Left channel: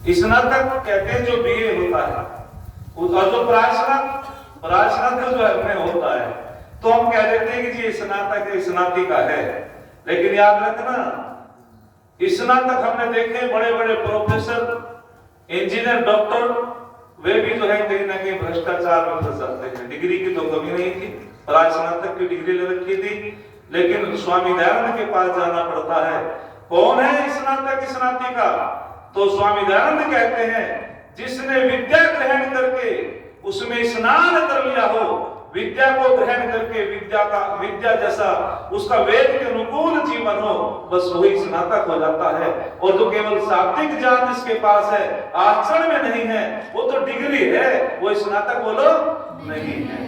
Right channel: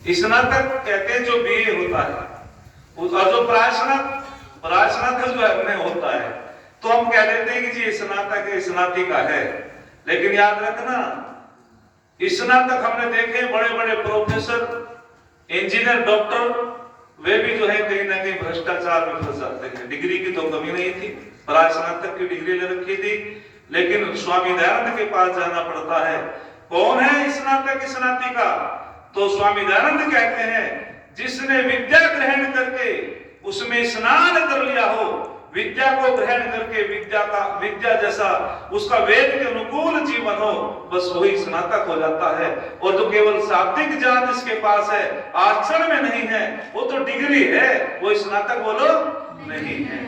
स्नातक कहते हैं जो बीए होता है, और जो प्राश्नातक जो है होता है, तो हम कह देते हैं कि जी स्नातक है, स्नातिका है। लेकिन याद रखना, स्नातक हमने देखे बड़े बड़े प्रोफेसर, इंजीनियर, डॉक्टर, वे भी जो है कहीं ना कहीं भ्रष्टाचार में फंस जाते हैं। डिग्री की तो कमी नहीं थी, प्रास्नातक की डिग्री ले रखी थी, लेकिन स्वामी दयानंद के पास जाना पड़ता है। कौन है स्नातक स्नातिका? तो स्वामी दयानंद कहते हैं जिसने विद्या ग्रहण करके उसमें स्नान कर लिया हो, विद्या को ग्रहण करके विद्या जैसा उसका वेद के अनुकूल जीवन हो, बस वही स्नातक हो जाता है। और जो केवल शाब्दिक ज्ञान जिसके पास है, आचरण में नहीं है, वो तो डिग्री है, वो स्नातक बोलो नहीं है।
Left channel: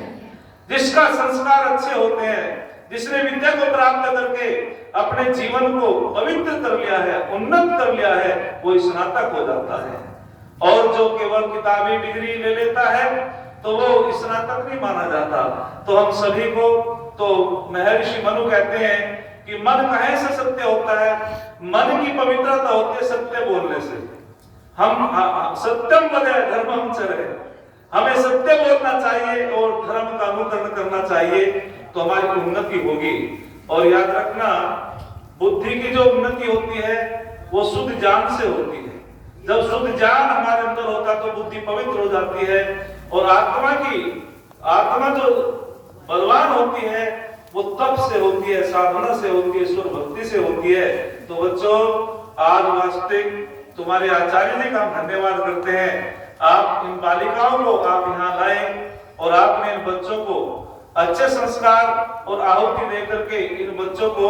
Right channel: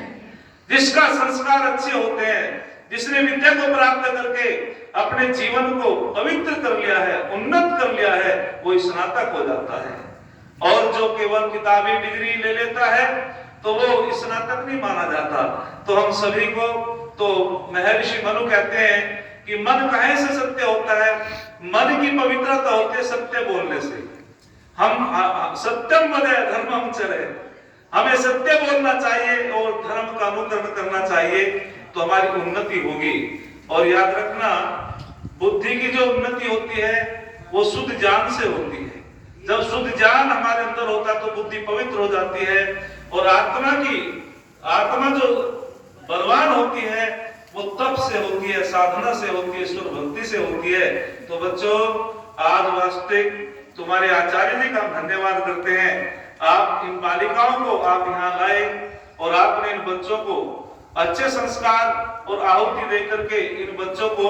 जिसका संस्कार अच्छे होते हैं, जिसने विद्या को प्राप्त करके अपने जीवन को पवित्र कर लिया है, उन्नत कर लिया है, वो स्नातक हो जाता है। और जो केवल किताबी डिग्री ले लेता है तो वो स्नातक नहीं माना जाता। तो हम सभी को, तो महर्षि मनु कहते हैं कि मन कहे से सत्य होता है? मन की पवित्रता होती है सत्य बोलने से। हम सत्यम वदे धर्मम चरे, हमें सत्य बोलना चाहिए और धर्म का अनुकरण करना चाहिए, तो हमारी उन्नति होगी। और याद रखना, बुद्धि की जो उन्नति होती है वो शुद्ध ज्ञान से होती है। जब शुद्ध ज्ञान हमारे अंदर होता है तो बुद्धि पवित्र हो जाती है। और आत्मा जो बलवान होती है वो तप से होती है, साधना से होती है, ईश्वर भक्ति से होती है। तो बच्चों, आज वास्तविक तुम्हारे आचार्य जी का हम धन्यवाद करते हैं। आप इन बालिकाओं को आप यहाँ लाए और आपने इन बच्चों को अच्छे संस्कार और आहुति दे करके इन बच्चों को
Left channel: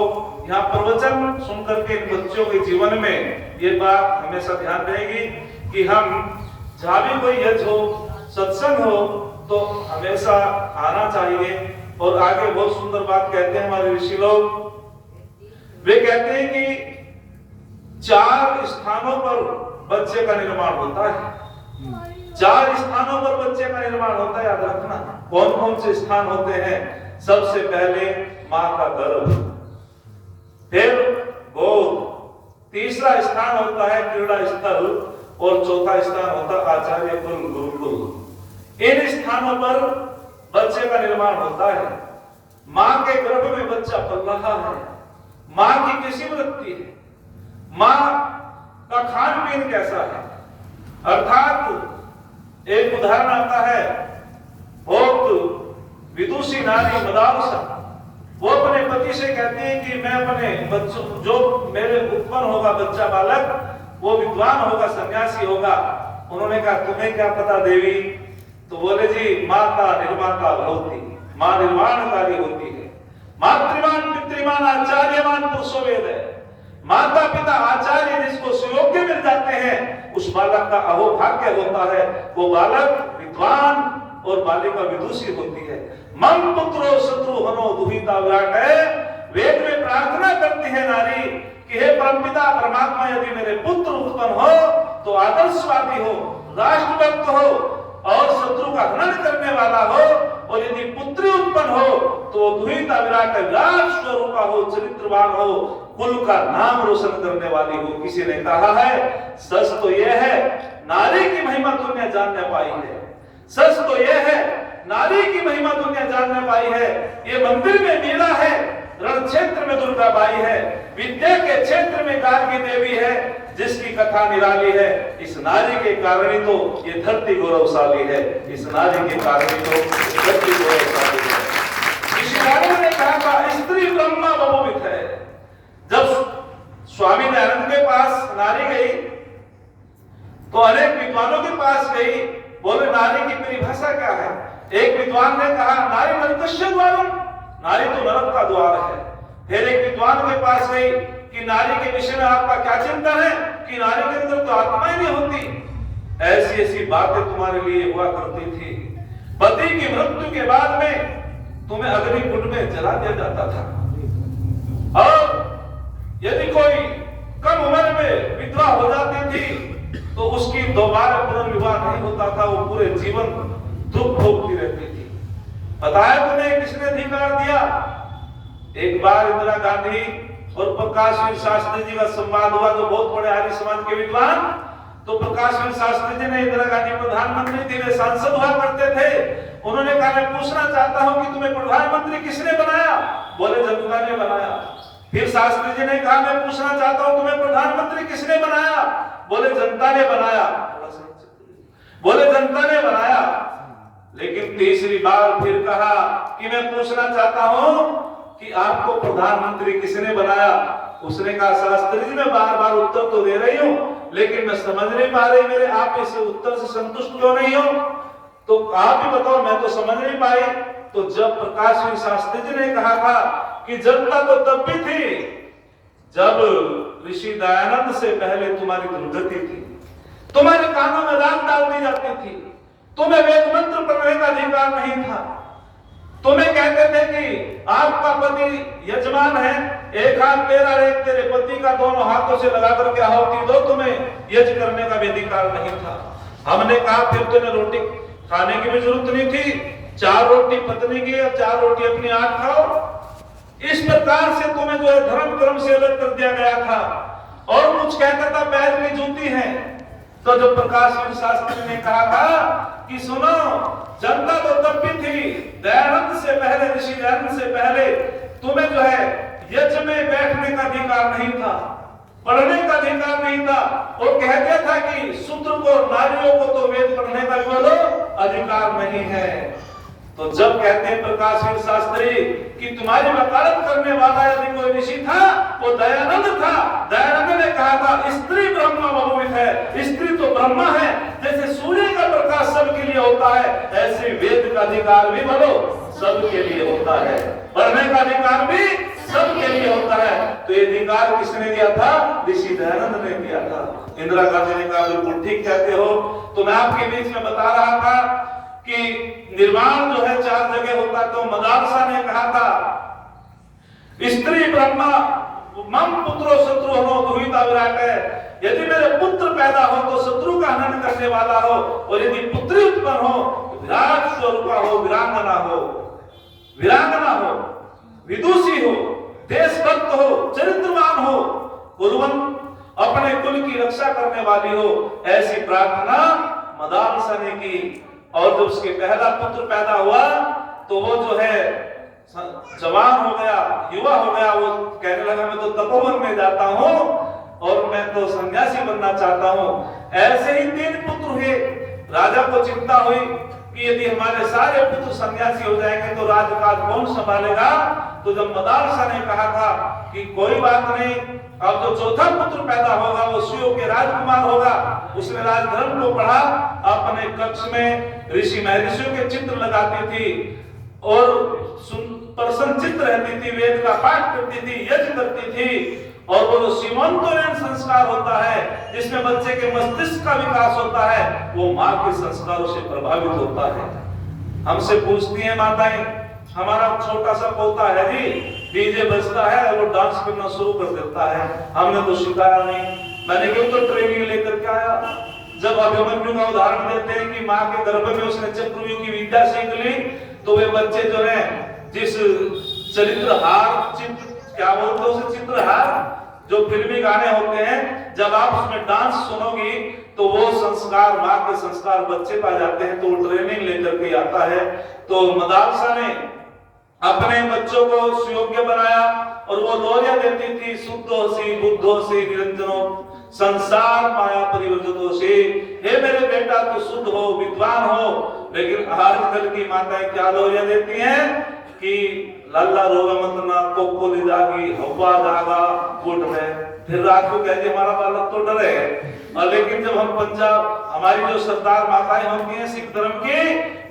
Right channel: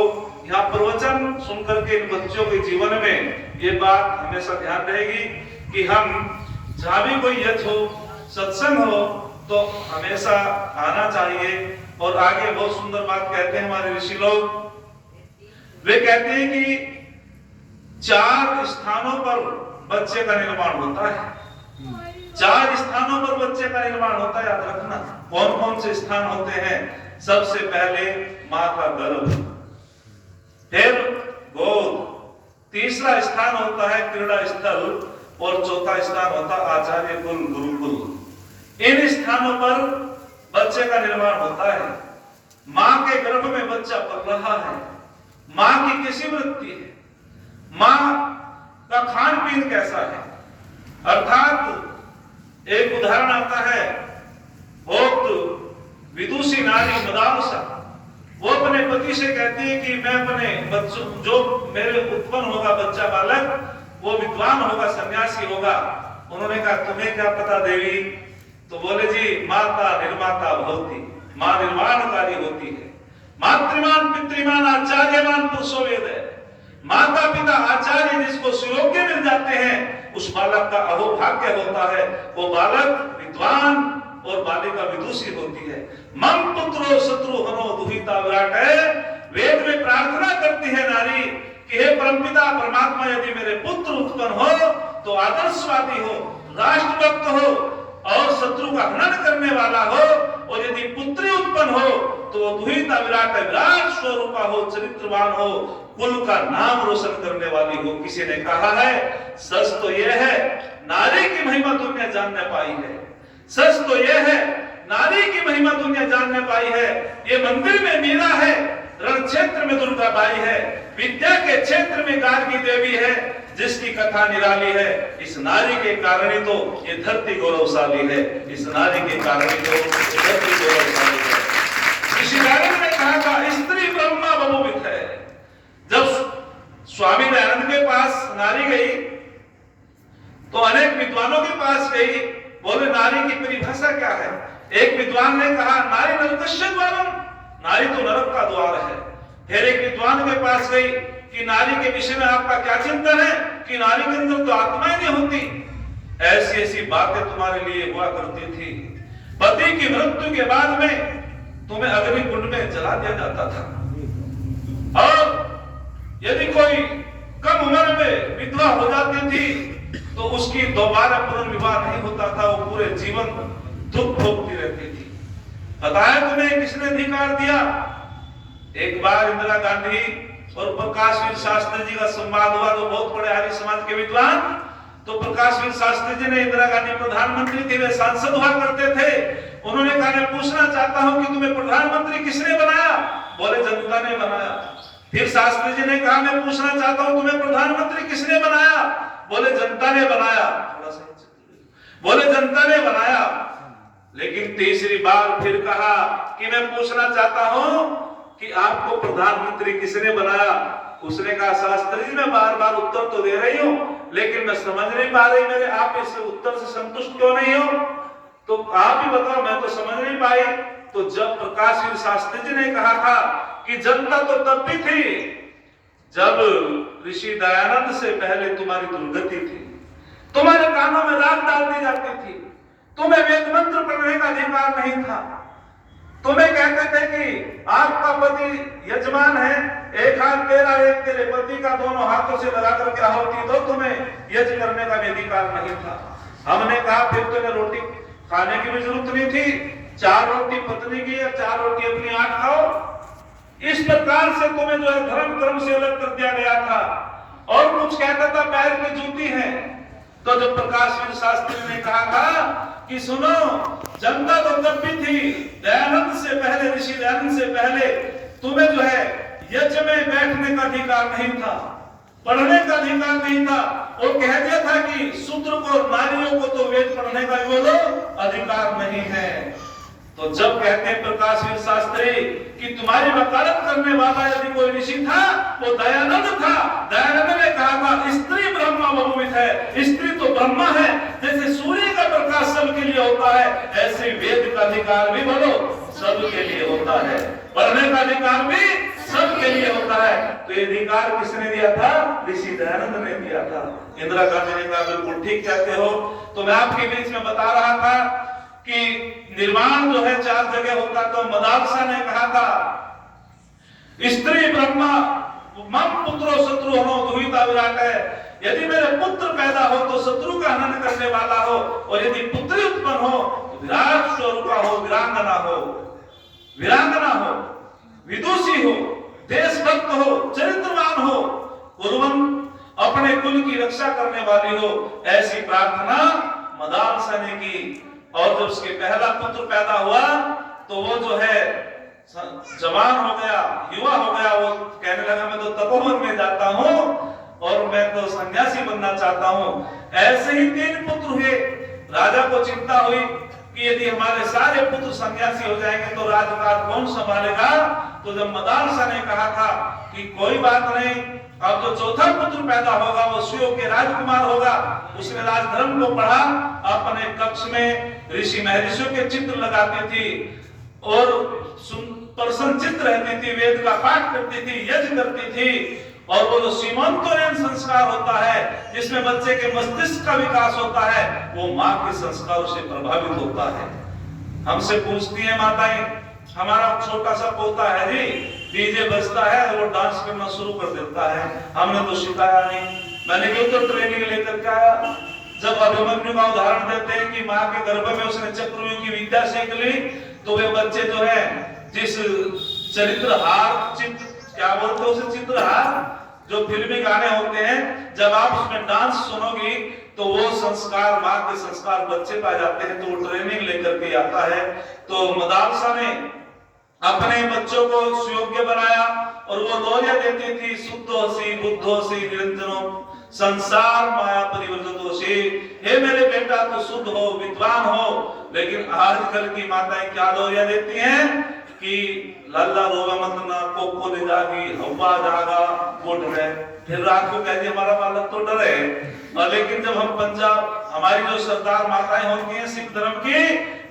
यहाँ प्रवचन सुन करके इन बच्चों के जीवन में ये बात हमेशा ध्यान रहेगी कि हम जहाँ भी कोई यज्ञ हो, सत्संग हो, तो हमेशा आना चाहिए। और आगे बहुत सुंदर बात कहते हैं हमारे ऋषि लोग, वे कहते हैं कि 4 स्थानों पर बच्चे का निर्माण होता है। 4 स्थानों पर बच्चे का निर्माण होता है, याद रखना। कौन कौन से स्थान होते हैं? सबसे पहले मां का गर्भ, फिर गोद, तीसरा स्थान होता है क्रीड़ा स्थल, और चौथा स्थान होता है आचार्य कुल, गुरुकुल। इन स्थानों पर बच्चे का निर्माण होता है। मां के गर्भ में बच्चा पल रहा है, मां की कैसी वृत्ति है, मां का खान पीन कैसा है। अर्थात एक उदाहरण आता है, बहुत विदुषी नारी मदालसा, वो अपने पति से कहती है कि मैं अपने बच्चों, जो मेरे उत्पन्न होगा बच्चा बालक, वो विद्वान होगा, सन्यासी होगा। उन्होंने कहा तुम्हें क्या पता देवी? तो बोले जी माता निर्माता भवति, मां निर्माणकारी होती है। मातृमान पितृमान आचार्यमान पुरुषो वेद है। माता पिता आचार्य जिसको सुयोग्य मिल जाते हैं, उस बालक का अहोभाग्य होता है। वो बालक विद्वान और बालिका विदुषी होती है। मम पुत्रो शत्रु हनो दुहिता विराट है। वेद में प्रार्थना करती है नारी कि हे परमपिता परमात्मा, यदि मेरे पुत्र उत्पन्न हो तो आदर्शवादी हो, राष्ट्रभक्त हो और शत्रु का हनन करने वाला हो, और यदि पुत्री उत्पन्न हो तो दुहिता विराट, विराट स्वरूपा हो, चरित्रवान हो, कुल का नाम रोशन करने वाली हो। किसी ने कहा है सच तो यह है नारी की महिमा दुनिया जानने पाई है। सच तो यह है नारी की महिमा दुनिया जानने पाई है। ये मंदिर में मीरा है, रण क्षेत्र में दुर्गा बाई है, विद्या के क्षेत्र में गार्गी देवी है, जिसकी कथा निराली है। इस नारी के कारण ही तो ये धरती गौरवशाली है। इस नारी के कारण ही तो ये धरती गौरवशाली है। ऋषि नारद ने कहा था स्त्री ब्रह्मा बहुविध है। जब स्वामी दयानंद के पास नारी गई तो अनेक विद्वानों के पास गई, बोले नारी की परिभाषा क्या है? एक विद्वान ने कहा नारी नरकस्य द्वारम, नारी तो नरक का द्वार है। फिर एक विद्वान के पास गई कि नारी के विषय में आपका क्या चिंतन है, कि नारी के अंदर तो आत्मा ही नहीं होती। ऐसी ऐसी बातें तुम्हारे लिए हुआ करती थी। पति की मृत्यु के बाद में तुम्हें अग्निकुंड में जला दिया जाता था, और यदि कोई कम उम्र में विधवा हो जाती थी तो उसकी दोबारा पुनर्विवाह नहीं होता था, वो पूरे जीवन दुख भोगती रहती थी। बताया तुम्हें किसने अधिकार दिया? एक बार इंदिरा गांधी और प्रकाश शास्त्री जी का संवाद हुआ, जो बहुत बड़े आर्य समाज के विद्वान, तो प्रकाशवीर शास्त्री जी ने, इंदिरा गांधी प्रधानमंत्री थी, वे सांसद हुआ करते थे, उन्होंने कहा मैं पूछना चाहता हूं कि तुम्हें प्रधानमंत्री किसने बनाया? बोले जनता ने बनाया। फिर शास्त्री जी ने कहा मैं पूछना चाहता हूं तुम्हें प्रधानमंत्री किसने बनाया? बोले जनता ने बनाया। बोले जनता ने बनाया। लेकिन तीसरी बार फिर कहा कि मैं पूछना चाहता हूं कि आपको प्रधानमंत्री किसने बनाया? उसने कहा शास्त्री जी मैं बार बार उत्तर तो दे रही हूं, लेकिन मैं समझ नहीं पा रही, मेरे आप इस उत्तर से संतुष्ट क्यों नहीं हो? तो आप ही बताओ, मैं तो समझ नहीं पाई। तो जब प्रकाशवीर शास्त्री जी ने कहा था कि जनता तो तब भी थी जब ऋषि दयानंद से पहले तुम्हारी दुर्गति थी, तुम्हारे कानों में राख डाल दी जाती थी, तुम्हें वेद मंत्र पढ़ने का अधिकार नहीं था, तुम्हें कहते थे कि आपका पति यजमान है, एक हाथ तेरा एक तेरे पति का, दोनों हाथों से लगा करके आहुति दो, तुम्हें यज्ञ करने का भी अधिकार नहीं था। हमने कहा फिर तुम्हें रोटी खाने की भी जरूरत नहीं थी, 4 रोटी पत्नी की और 4 रोटी अपनी 8 खाओ। इस प्रकार से तुम्हें जो है धर्म कर्म से अलग कर दिया गया था। और कुछ कहता था पैर में जूती है। तो जो प्रकाशवीर शास्त्री ने कहा था कि सुनो, जनता तो तब भी थी, दयानंद से पहले, ऋषि दयानंद से पहले तुम्हें जो है यज्ञ में बैठने का अधिकार नहीं था, पढ़ने का अधिकार नहीं था। वो कह दिया था कि शूद्र को, नारियों को तो वेद पढ़ने का बोलो अधिकार नहीं है। तो जब कहते हैं प्रकाशवीर शास्त्री कि तुम्हारी वकालत करने वाला यदि कोई ऋषि था वो दयानंद था। दयानंद ने कहा था स्त्री ब्रह्मा बहुविध है, स्त्री तो ब्रह्मा है। जैसे सूर्य का प्रकाश सबके लिए होता है, ऐसे वेद का अधिकार भी बोलो सबके लिए होता है, पढ़ने का अधिकार भी सबके लिए होता है। तो ये अधिकार किसने दिया था? ऋषि दयानंद ने दिया था। इंदिरा गांधी ने कहा बिल्कुल ठीक कहते हो। तो मैं आपके बीच में बता रहा था कि निर्माण जो है 4 जगह होता। तो मदालसा ने कहा था स्त्री ब्रह्मा मम पुत्रो शत्रु हो दुहिता विराट है, यदि मेरे पुत्र पैदा हो तो शत्रु का हनन करने वाला हो, और यदि पुत्री उत्पन्न हो तो विराट स्वरूपा हो, वीरांगना हो, विदुषी हो, देशभक्त हो, चरित्रवान हो, कुलवंत, अपने कुल की रक्षा करने वाली हो, ऐसी प्रार्थना मदालसा ने की। और जब उसके पहला पुत्र पैदा हुआ तो वो जो है जवान हो गया, युवा हो गया। वो कहने लगा मैं तो तपोवन में जाता हूँ और मैं तो सन्यासी बनना चाहता हूँ। ऐसे ही 3 पुत्र हुए। राजा को चिंता हुई कि यदि हमारे सारे पुत्र सन्यासी हो जाएंगे तो राजकाज कौन संभालेगा। तो जब मदालसा ने कहा था कि कोई बात नहीं, अब जो 4था पुत्र पैदा होगा वो स्वयं के राजकुमार होगा। उसने राजधर्म को पढ़ा, अपने कक्ष में ऋषि महर्षियों के चित्र लगाती थी और प्रसन्नचित्त रहती थी, वेद का पाठ करती थी, यज्ञ करती थी। और वो जो सीमंतोरेन संस्कार होता है जिसमें बच्चे के मस्तिष्क का विकास होता है, वो माँ के संस्कारों से प्रभावित होता है। हमसे पूछती है माताएं, हमारा छोटा सा पोता है जी, डीजे बजता है और वो डांस करना शुरू कर देता है, हमने तो सिखाया नहीं। मैंने क्यों तो ट्रेनिंग लेकर के आया। जब अभिमन्यु का उदाहरण देते हैं कि माँ के गर्भ में उसने चक्रव्यूह की विद्या सीख ली, तो वे बच्चे जो है जिस चरित्रहार, क्या बोलते हैं उसे, चित्रहार, जो फिल्मी गाने होते हैं, जब आप उसमें डांस सुनोगी तो वो संस्कार, माँ के संस्कार बच्चे पाए जाते हैं। तो वो ट्रेनिंग लेकर के आता है। तो मदालसा ने अपने बच्चों को सुयोग्य बनाया और वो लोरिया देती थी, शुद्धोसी बुद्धोसी निरंजनो संसार माया परिवर्तितोसी। हे मेरे बेटा तो शुद्ध हो, विद्वान हो। लेकिन आजकल की माताएं क्या लोरिया देती हैं कि लल्ला रोगा मत ना, कोको ले जागी, हवा जागा, वो डरे। फिर रात को कहते हमारा बालक तो डरे। और लेकिन जब हम पंजाब, हमारी जो सरदार माताएं होती हैं सिख धर्म की,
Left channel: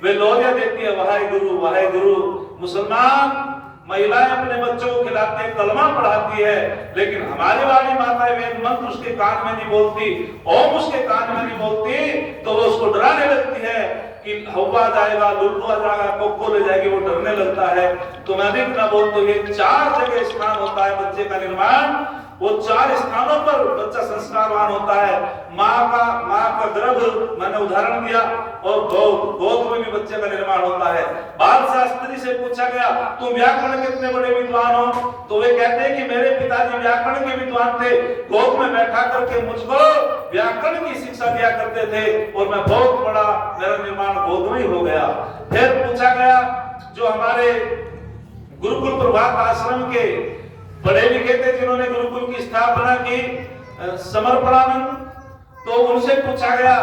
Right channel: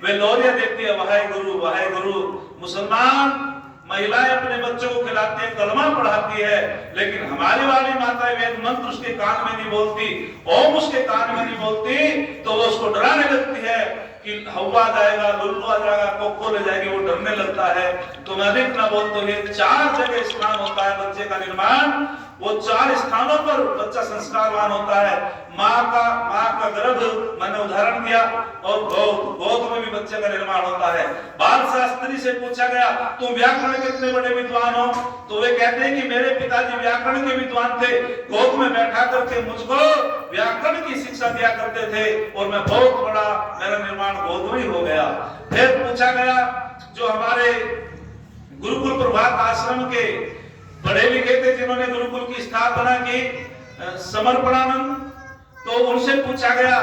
वे लोरिया देती है वाहे गुरु वाहे गुरु। मुसलमान महिलाएं अपने बच्चों को खिलाती है, कलमा पढ़ाती है, लेकिन हमारी वाली माताएं वेद मंत्र उसके कान में नहीं बोलती, ओम उसके कान में नहीं बोलती, तो वो उसको डराने लगती है कि हवा जाएगा, लुल्लू आ जाएगा, कोको ले जाएगी, वो डरने लगता है। तो मैं अधिक ना बोल तो ये 4 जगह स्थान होता है बच्चे का निर्माण। वो 4 स्थानों पर बच्चा संस्कारवान होता है। माँ का गर्भ मैंने उदाहरण दिया, और गोद में भी बच्चे का निर्माण होता है। बाल शास्त्री से पूछा गया तुम व्याकरण के इतने बड़े विद्वान हो, तो वे कहते हैं कि मेरे पिताजी व्याकरण के विद्वान थे, गोद में बैठा करके मुझको व्याकरण की शिक्षा दिया करते थे और मैं बहुत बड़ा, मेरा निर्माण गोद में हो गया। फिर पूछा गया जो हमारे गुरुकुल प्रभात आश्रम के बड़े लिखे थे जिन्होंने गुरुकुल की स्थापना की, समर्पणानंद, तो उनसे पूछा गया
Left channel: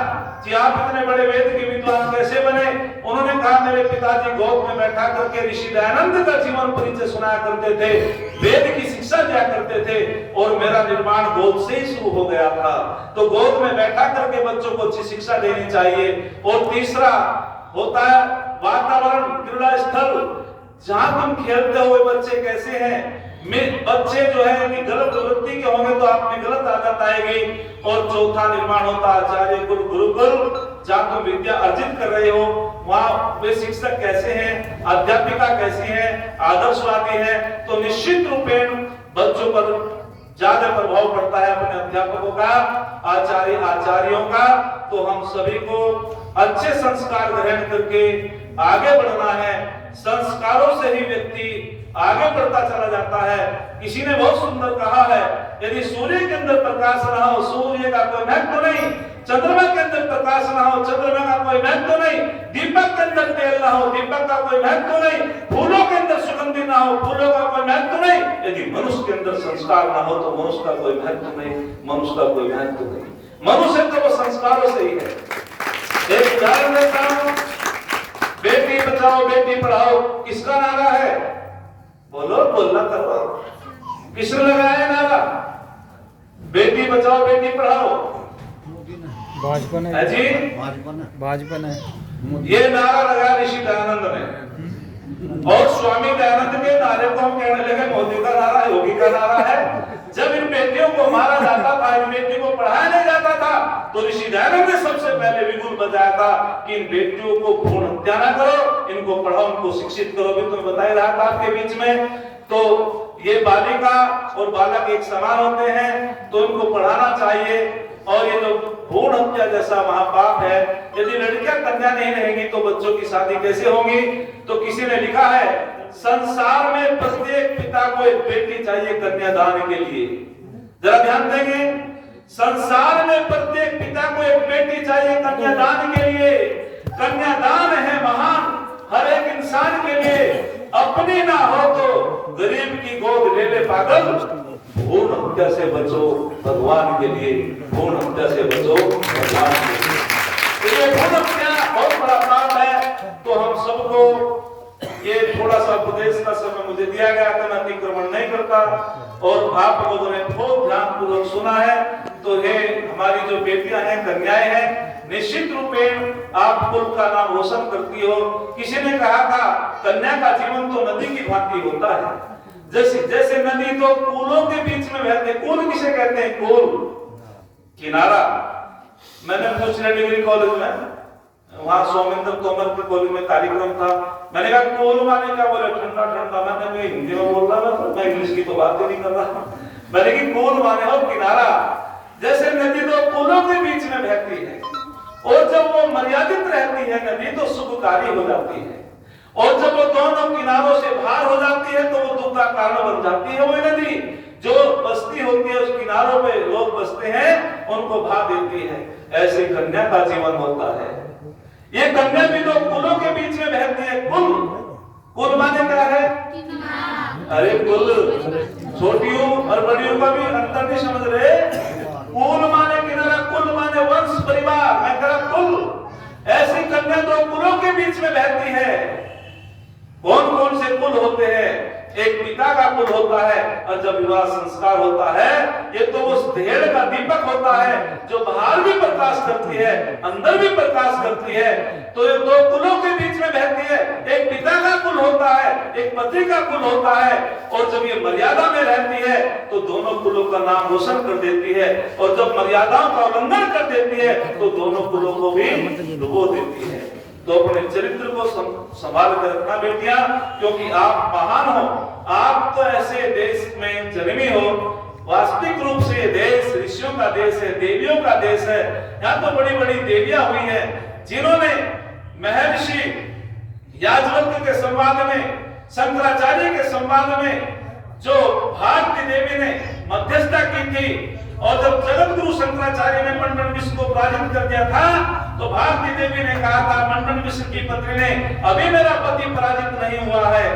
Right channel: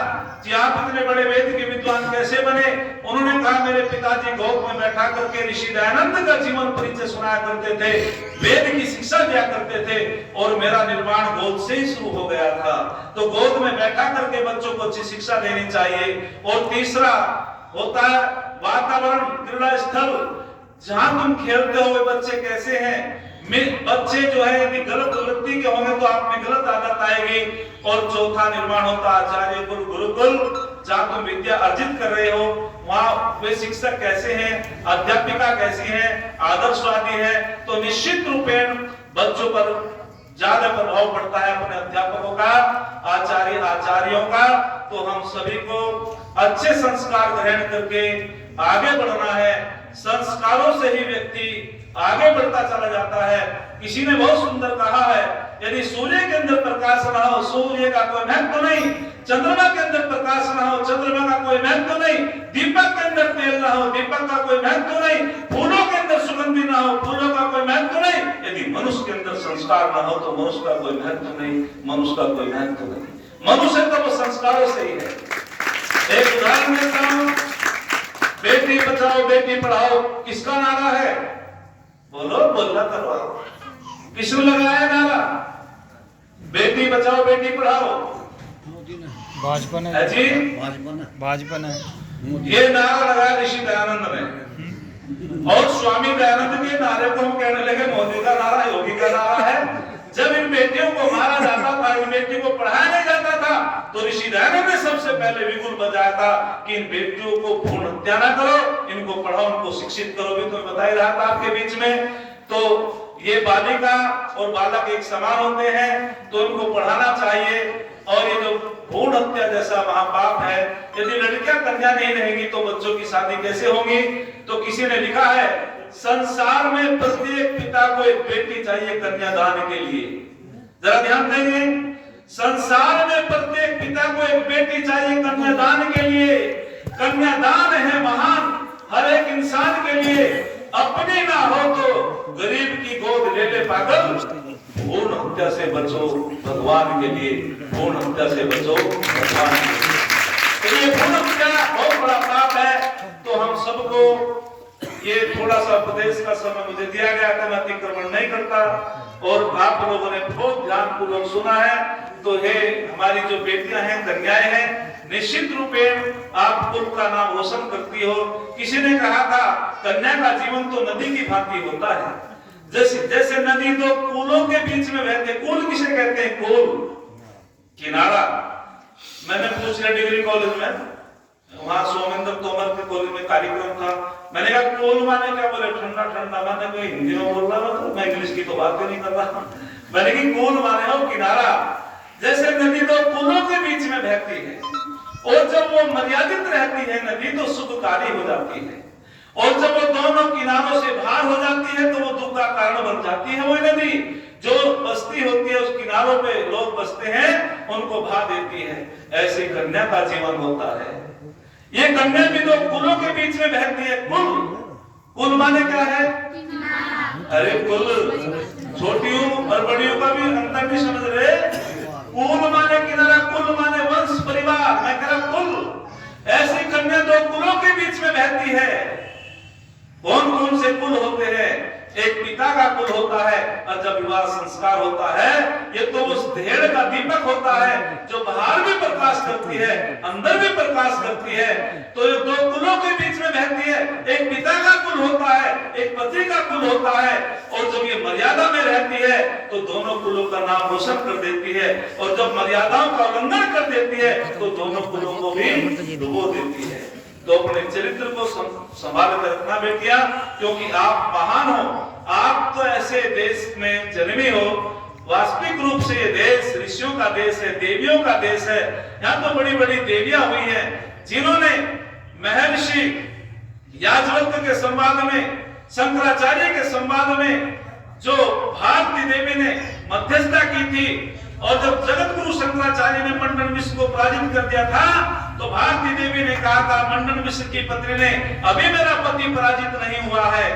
कि आप इतने बड़े वेद के विद्वान कैसे बने? उन्होंने कहा मेरे पिताजी गोद में बैठा करके ऋषि दयानंद का जीवन परिचय सुनाया करते थे, वेद की शिक्षा दिया करते थे और मेरा निर्माण गोद से ही शुरू हो गया था। तो गोद में बैठा करके बच्चों को अच्छी शिक्षा देनी चाहिए। और तीसरा होता है वातावरण, क्रीड़ा स्थल, जहां तुम खेलते हो बच्चे कैसे हैं। बच्चे जो है यदि गलत वृत्ति के होंगे तो आप में गलत आदत आएगी। और चौथा निर्माण होता आचार्य कुल गुरुकुल, जहां तुम विद्या अर्जित कर रहे हो वहां वे शिक्षक कैसे हैं, अध्यापिका कैसी हैं, आदर्शवादी हैं, तो निश्चित रूपेण बच्चों पर ज्यादा प्रभाव पड़ता है अपने अध्यापकों का, आचार्यों का। तो हम सभी को अच्छे संस्कार ग्रहण करके आगे बढ़ना है। संस्कारों से ही व्यक्ति आगे बढ़ता चला जाता है। किसी ने बहुत सुंदर कहा है, यदि सूर्य के अंदर प्रकाश ना हो, सूर्य का कोई महत्व नहीं, चंद्रमा के अंदर प्रकाश ना हो, चंद्रमा का कोई महत्व नहीं, दीपक के अंदर तेल ना हो, दीपक का कोई महत्व नहीं, फूलों के अंदर सुगंधी ना हो, फूलों का कोई महत्व नहीं, यदि मनुष्य के अंदर संस्कार ना हो तो मनुष्य का कोई महत्व नहीं, मनुष्य का कोई महत्व नहीं। मनुष्य तो वो संस्कारों से ही है। एक उदाहरण देता हूं, बेटी बचाओ बेटी पढ़ाओ किसका नारा है? बोलो, बोलना करो, किसने लगाया नारा? बेटी बचाओ बेटी पढ़ाओ, भाजपा ने जी, भाजपा ने ये नारा लगाया ऋषि दयानंद ने। और स्वामी दयानंद के नारे को हम कहने लगे मोदी का नारा, योगी का नारा है। जब इन बेटियों को मारा जाता था, इन बेटियों को पढ़ाया नहीं जाता था, तो ऋषि दयानंद ने सबसे पहले विगुल बजाया था कि इन बेटियों को भ्रूण हत्या ना करो, इनको पढ़ाओ, इनको शिक्षित करो। भी तो बता ही रहा था आपके बीच में। तो ये बालिका और बालक एक समान होते हैं, तो इनको पढ़ाना चाहिए। और ये जो भ्रूण हत्या जैसा महापाप है, यदि लड़कियां कन्या नहीं रहेंगी तो बच्चों की शादी कैसे होगी? तो किसी ने लिखा है संसार में प्रत्येक पिता को एक बेटी चाहिए कन्यादान के लिए। जरा ध्यान देंगे, संसार में प्रत्येक पिता को एक बेटी चाहिए कन्यादान के लिए। कन्यादान है महान हर एक इंसान के लिए। अपनी ना हो तो गरीब की गोद ले ले पागल, भ्रूण हत्या से बचो भगवान के लिए, भ्रूण हत्या से बचो भगवान के लिए। तो ये भ्रूण हत्या बहुत बड़ा पाप है। तो हम सबको ये थोड़ा सा उपदेश का समय मुझे दिया गया था, मैं अतिक्रमण नहीं करता और आप लोगों ने बहुत ध्यानपूर्वक सुना है। तो ये हमारी जो बेटियां हैं, कन्याएं हैं, निश्चित रूपेण आप कुल का नाम रोशन करती हो। किसी ने कहा था कन्या का जीवन तो नदी की भांति होता है। जैसे नदी तो कूलों के बीच में बहते, कूल किसे कहते हैं? कूल, किनारा। मैंने पूछ लिया डिग्री कॉलेज में, वहां सोमेंद्र तोमर के कॉलेज में कार्यक्रम था। मैंने कहा कूल माने क्या? बोले ठंडा ठंडा। मैंने कोई हिंदी में बोल रहा था, मैं इंग्लिश की तो बात ही नहीं कर रहा। मैंने कहा कूल माने हो किनारा। जैसे नदी तो कूलों के बीच में बहती है और जब वो मर्यादित रहती है नदी तो सुखकारी हो जाती है, और जब वो दोनों किनारों से बाहर हो जाती है तो वो दुख का कारण बन जाती है। वो नदी जो बस्ती होती है, उस किनारों पे लोग बसते हैं, उनको भा देती है। ऐसे कन्या का जीवन होता है। ये कन्या भी तो कुलों के बीच में बहती है। कुल माने क्या है? अरे कुल, छोटियों और बड़ियों का भी अंतर नहीं समझ रहे। कुल माने किनारा, कुल माने वंश परिवार। मैं कह रहा कुल, ऐसी कन्या तो कुलों के बीच में बहती है। कौन कौन से कुल होते हैं? एक पिता का कुल होता है, और जब विवाह संस्कार होता है, ये तो उस ढेर का दीपक होता है जो बाहर भी प्रकाश करती है, अंदर भी प्रकाश करती है। तो ये दो कुलों के बीच में बहती है। एक पिता का कुल होता है, एक पति का कुल होता है, और जब ये मर्यादा में रहती है तो दोनों कुलों का नाम रोशन कर देती है, और जब मर्यादाओं का उल्लंघन कर देती है तो दोनों कुलों को भी डुबो देती है। तो अपने चरित्र को संभाल कर रखना बेटियां, क्योंकि आप महान हो। आप तो ऐसे देश में जन्मी हो वास्तविक रूप से ये देश ऋषियों का देश है, देवियों का देश है। यहाँ तो बड़ी बड़ी देवियां हुई हैं जिन्होंने महर्षि याज्ञवल्क्य के संवाद में, शंकराचार्य के संवाद में जो भारती देवी ने मध्यस्थता की थी, और जब जगत गुरु शंकराचार्य ने मंडन मिश्र को पराजित कर दिया था तो भारती देवी ने कहा था मंडन मिश्र की पत्नी ने, अभी मेरा पति पराजित नहीं हुआ है।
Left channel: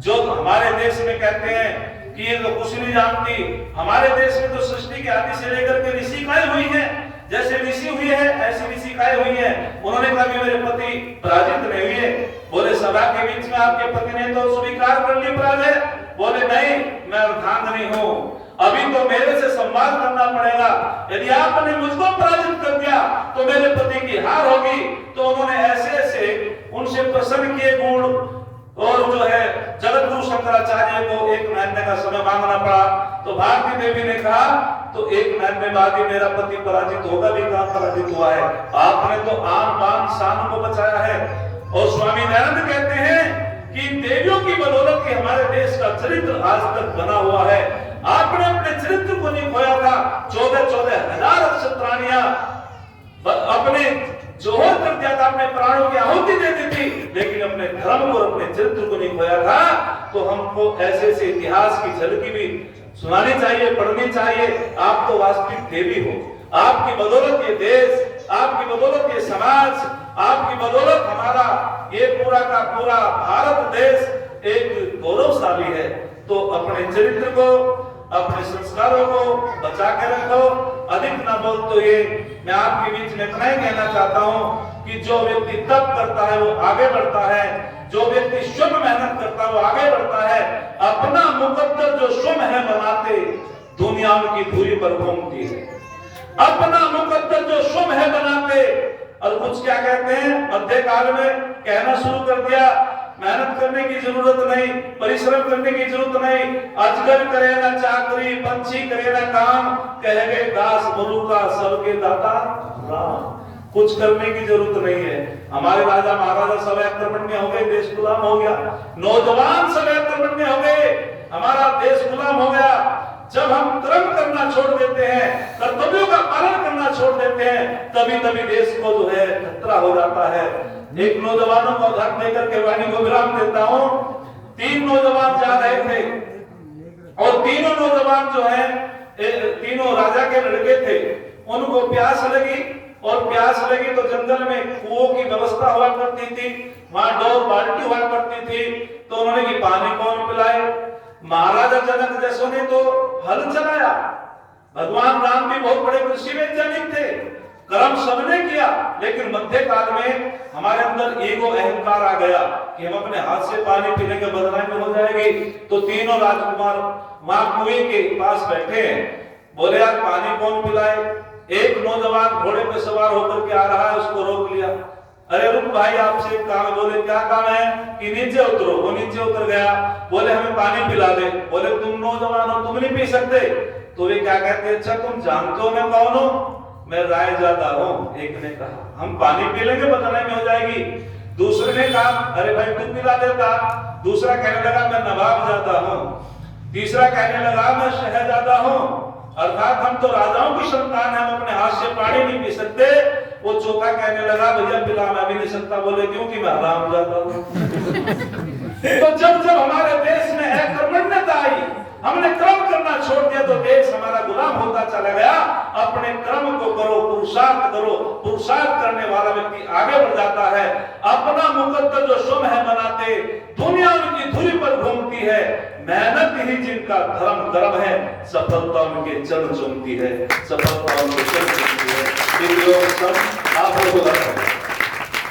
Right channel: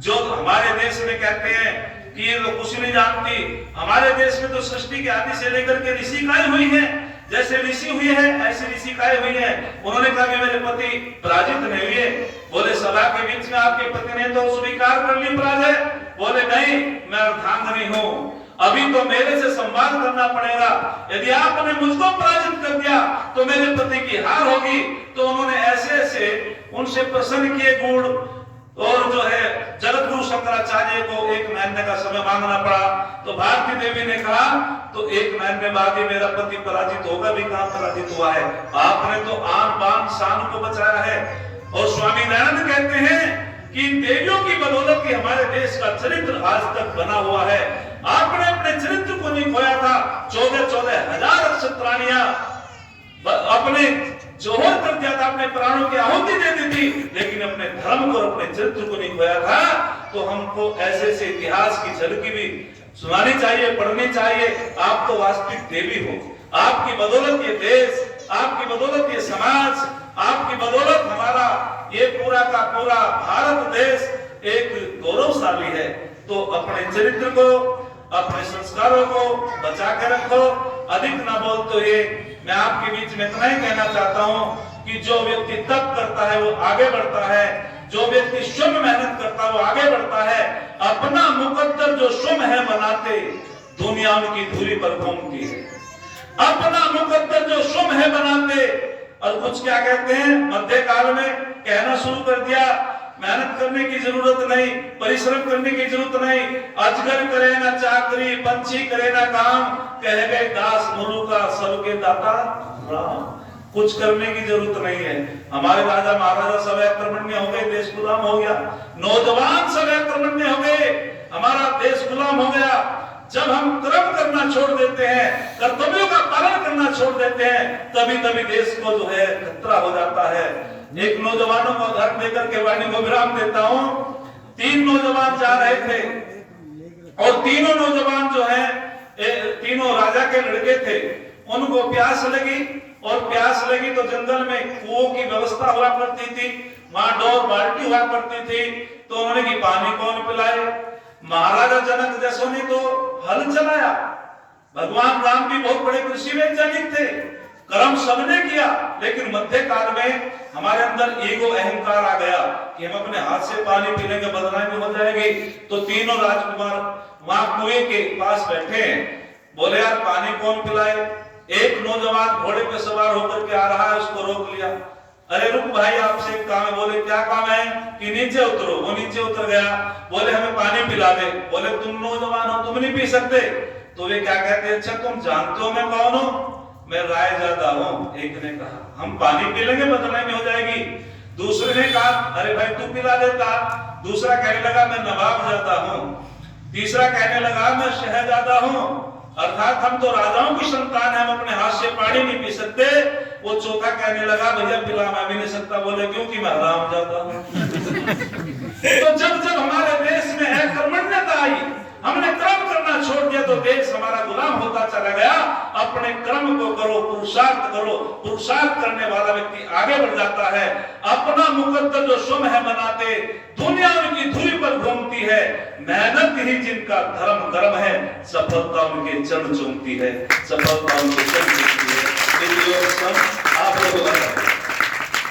जो हमारे देश में कहते हैं कि ये तो कुछ नहीं जानती, हमारे देश में तो सृष्टि के आदि से लेकर के ऋषिकाएं हुई है, जैसे ऋषि हुई है ऐसी ऋषिकाएं हुई है। उन्होंने कहा मेरे पति पराजित नहीं हुए। बोले सभा के बीच में आपके पति ने तो स्वीकार कर ली पराजय। बोले नहीं, मैं अर्धांगिनी हूँ, अभी तो मेरे से संवाद करना पड़ेगा। यदि आपने मुझको पराजित कर दिया तो मेरे पति की हार होगी। तो उन्होंने ऐसे ऐसे उनसे प्रसन्न किए गुण, और जो है जगत गुरु शंकराचार्य को 1 महीने का समय मांगना पड़ा। तो भारती देवी ने कहा तो 1 महीने बाद ही मेरा पति पराजित होगा। भी कहां पराजित हुआ है, आपने तो आन बान शान को बचाया है। और स्वामी दयानंद कहते हैं कि देवियों की बदौलत ही हमारे देश का चरित्र आज तक बना हुआ है। आपने अपने चरित्र को नहीं खोया था। 14,000 नक्षत्राणियां अपने जोहर कर दिया था, अपने प्राणों की आहुति दे दी थी, लेकिन अपने धर्म को, अपने चरित्र को नहीं खोया था। तो हमको ऐसे ऐसे इतिहास की झलकी भी सुनानी चाहिए, पढ़नी चाहिए। आप तो वास्तविक देवी हो, आपकी बदौलत ये देश, आपकी बदौलत ये समाज, आपकी बदौलत हमारा ये पूरा का पूरा भारत देश एक गौरवशाली है। तो अपने चरित्र को, अपने संस्कारों को बचा कर रखो। अधिक ना बोलते हुए मैं आपके बीच में इतना ही कहना चाहता हूं कि जो व्यक्ति तप करता है वो आगे बढ़ता है, जो व्यक्ति शुभ मेहनत करता है वो आगे बढ़ता है। अपना मुकद्दर जो शुभ है बनाते, दुनिया उनकी धूली पर घूमती है। अपना मुकद्दर जो शुभ है बनाते, और कुछ क्या कहते हैं मध्य काल में कहना शुरू कर दिया, मेहनत करने की जरूरत नहीं, परिश्रम करने की जरूरत नहीं, अजगर करे ना चाकरी, पंछी करे ना काम, कह गए दास गुरु का सबके दाता राम। कुछ करने की जरूरत नहीं है। हमारे राजा महाराजा सब आक्रमण में हो गए, देश गुलाम हो गया। नौजवान सब आक्रमण में हो गए, हमारा देश गुलाम हो गया। जब हम कर्म करना छोड़ देते हैं, कर्तव्यों का पालन करना छोड़ देते हैं, तभी तभी देश को जो है खतरा हो जाता है। एक नौजवानों को घर लेकर के वाणी को विराम देता हूं। 3 नौजवान जा रहे थे और तीनों नौजवान जो है तीनों राजा के लड़के थे। उनको प्यास लगी, और प्यास लगी तो जंगल में कुओं की व्यवस्था हुआ करती थी, वहां डोर बाल्टी हुआ करती थी। तो उन्होंने कि पानी कौन पिलाए। महाराजा जनक जैसों ने तो हल चलाया। भगवान राम भी बहुत बड़े कृषि वैज्ञानिक थे, कर्म सबने किया। लेकिन मध्य काल में हमारे अंदर ईगो, अहंकार आ गया कि हम अपने हाथ से पानी पीने के बदनामी में हो जाएगी। तो तीनों राजकुमार वहां कुएं के पास बैठे हैं। बोले यार पानी कौन पिलाए। एक नौजवान घोड़े पे सवार होकर के आ रहा है, उसको रोक लिया। अरे रुक भाई, आपसे एक काम है। बोले क्या काम है कि नीचे उतरो। वो नीचे उतर गया। बोले हमें पानी पिला दे। बोले तुम नौजवान हो, तुम नहीं पी सकते। तो वे क्या कहते, अच्छा तुम जानते हो मैं कौन हूं। मैं राय ज्यादा हूं। एक ने कहा हम पानी पी लेंगे, बदनामी हो जाएगी। दूसरे ने कहा अरे भाई तू पिला देता। दूसरा कहने लगा मैं नवाब ज्यादा हूं। तीसरा कहने लगा मैं शहजादा हूं। अर्थात हम तो राजाओं की संतान है, हम अपने हाथ से पानी नहीं पी सकते। वो चौथा कहने लगा भैया पिला मैं भी नहीं सकता। बोले क्योंकि मैं हराम ज्यादा हूं। तो जब जब हमारे देश में अकर्मण्यता आई, हमने कर्म करना छोड़ दिया, तो देश हमारा गुलाम होता चला गया। अपने कर्म को करो, पुरुषार्थ करो। पुरुषार्थ करने वाला व्यक्ति आगे बढ़ जाता है। अपना मुकद्दर जो शुभ है बनाते, दुनिया उनकी धुरी पर घूमती है। मेहनत ही जिनका धर्म है, सफलता उनके चरण चूमती है, सफलता उनके चरण चूमती है। आप